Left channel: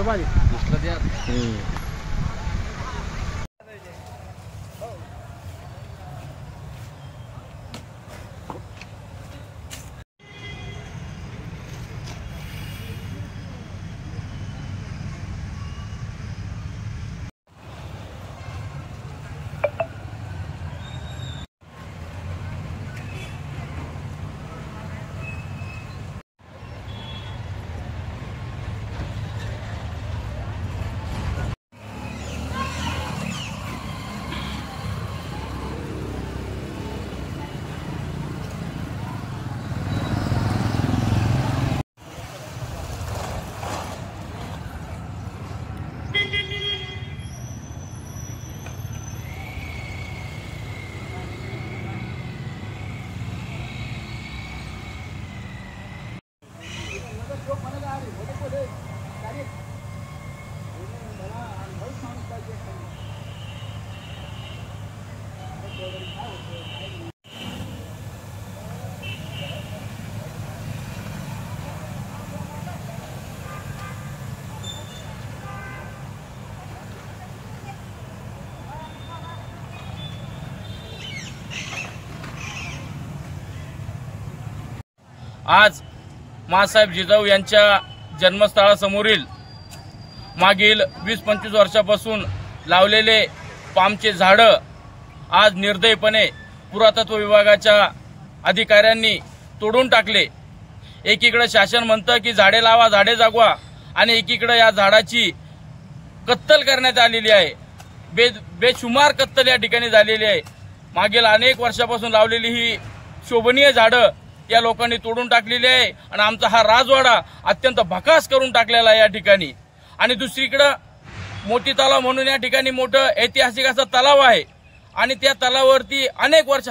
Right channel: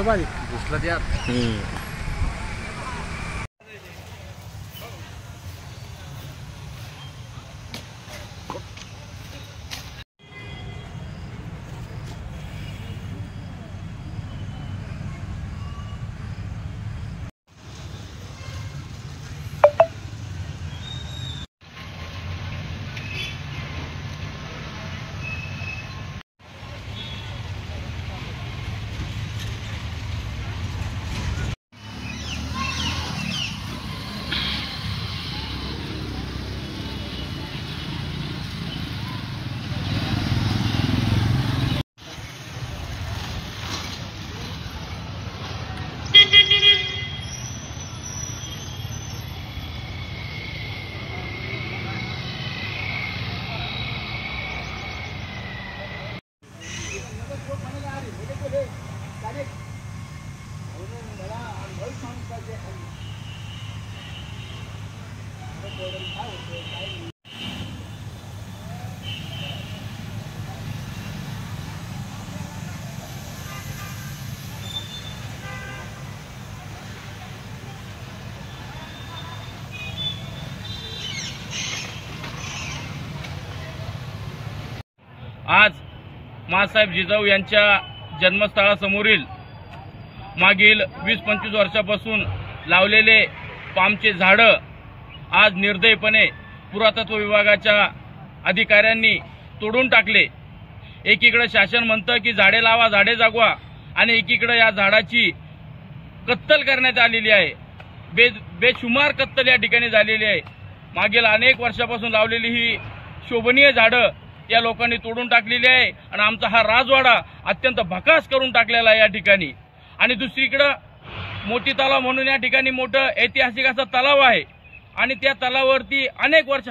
घुसलं पाणी घुसलं त्यात। आज माँसाहेब जिजाऊ यांच्या जन्मस्थळासमोरील मागील 20-25 वर्षापासून लावलेले पामचे झाडं आज निर्दयीपणे पुरातत्व विभागाच्या अधिकाऱ्यांनी तोडून टाकले। एकीकडे शासन म्हणतं की झाडे लावा झाडे जागवा आणि एकीकडे या झाडाची कत्तल करण्यात आलेली आहे। बेशुमार कत्तल या ठिकाणी झालेली आहे। मागील अनेक वर्षापासून लावलेली ही शोभनीय झाडं या लोकांनी तोडून टाकलेली आहे आणि आमचा हा राजवाडा अत्यंत भकास करून टाकलेला आहे या ठिकाणी। आणि दुसरीकडे मोती तलाव म्हणून या ठिकाणी मोठं ऐतिहासिक असा तलाव आहे आणि त्या तलावावरती अनेक वर्ष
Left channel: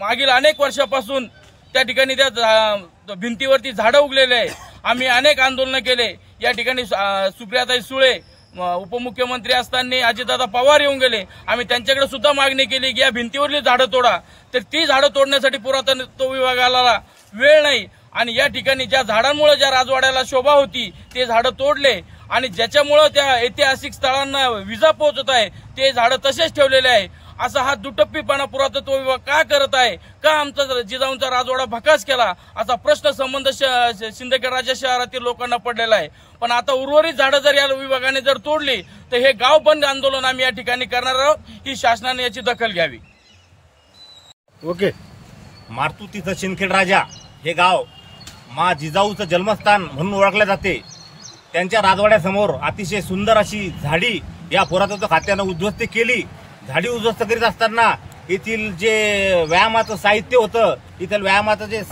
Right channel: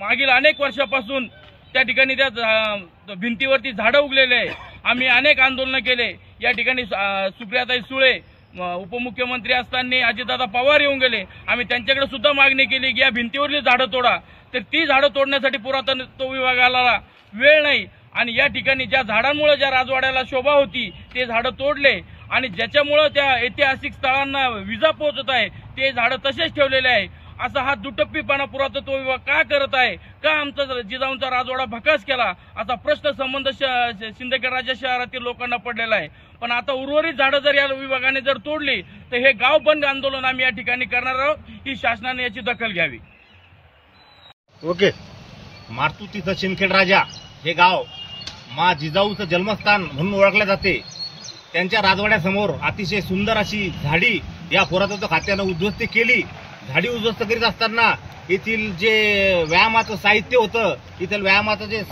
मागील अनेक वर्षापासून त्या ठिकाणी त्या भिंतीवरती झाडं उगलेले आहे। आम्ही अनेक आंदोलन केले या ठिकाणी। सुप्रियाताई सुळे उपमुख्यमंत्री असताना अजितदादा पवार येऊन गेले। आम्ही त्यांच्याकडे सुद्धा मागणी केली की या भिंतीवरली झाडं तोडा, तर ती झाडं तोडण्यासाठी पुरातत्व विभागाला वेळ नाही आणि या ठिकाणी ज्या झाडांमुळे ज्या राजवाड्याला शोभा होती ते झाडं तोडले आणि ज्याच्यामुळे त्या ऐतिहासिक स्थळांना विजा पोहोचत आहे ते झाडं तसेच ठेवलेले आहे। असा हा दुटप्पीपणा पुरातत्व विभाग का करत आहे? का आमचा जिजाऊंचा राजवाडा भकास केला? असा प्रश्न संबंध शिंदखेड राजा शहरातील लोकांना पडलेला आहे। पण आता उर्वरित झाडं जर या विभागाने जर तोडली तर हे गाव बंद आंदोलन आम्ही या ठिकाणी करणार आहोत। ही शासनाने याची दखल घ्यावी। ओके। मारतूर इथं शिंदखेड राजा हे गाव मा जिजाऊचं जन्मस्थान म्हणून ओळखले जाते। त्यांच्या राजवाड्यासमोर अतिशय सुंदर अशी झाडी या पुरातत्व खात्यानं उद्ध्वस्त केली। झाडी उद्ध्वस्त करीत असताना येथील जे व्यायामाचं साहित्य होतं, इथलं व्यायामाचं जे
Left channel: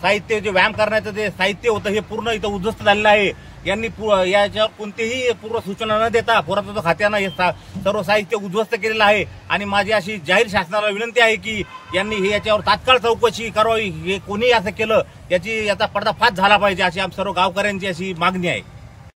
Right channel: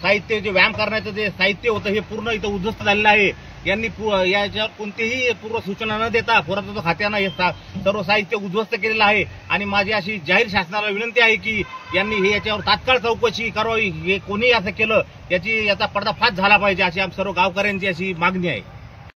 साहित्य, जे व्यायाम करण्याचं जे साहित्य होतं हे पूर्ण इथं उद्ध्वस्त झालेलं आहे। यांनी याच्यावर कोणतीही पूर्व सूचना न देता पुरातत्व खात्यानं हे सर्व साहित्य उद्ध्वस्त केलेलं आहे आणि माझी अशी जाहीर शासनाला विनंती आहे की यांनी हे याच्यावर तात्काळ चौकशी करावी। हे कोणी असं केलं याचा पर्दाफाश झाला पाहिजे अशी आम सर्व गावकऱ्यांची अशी मागणी आहे।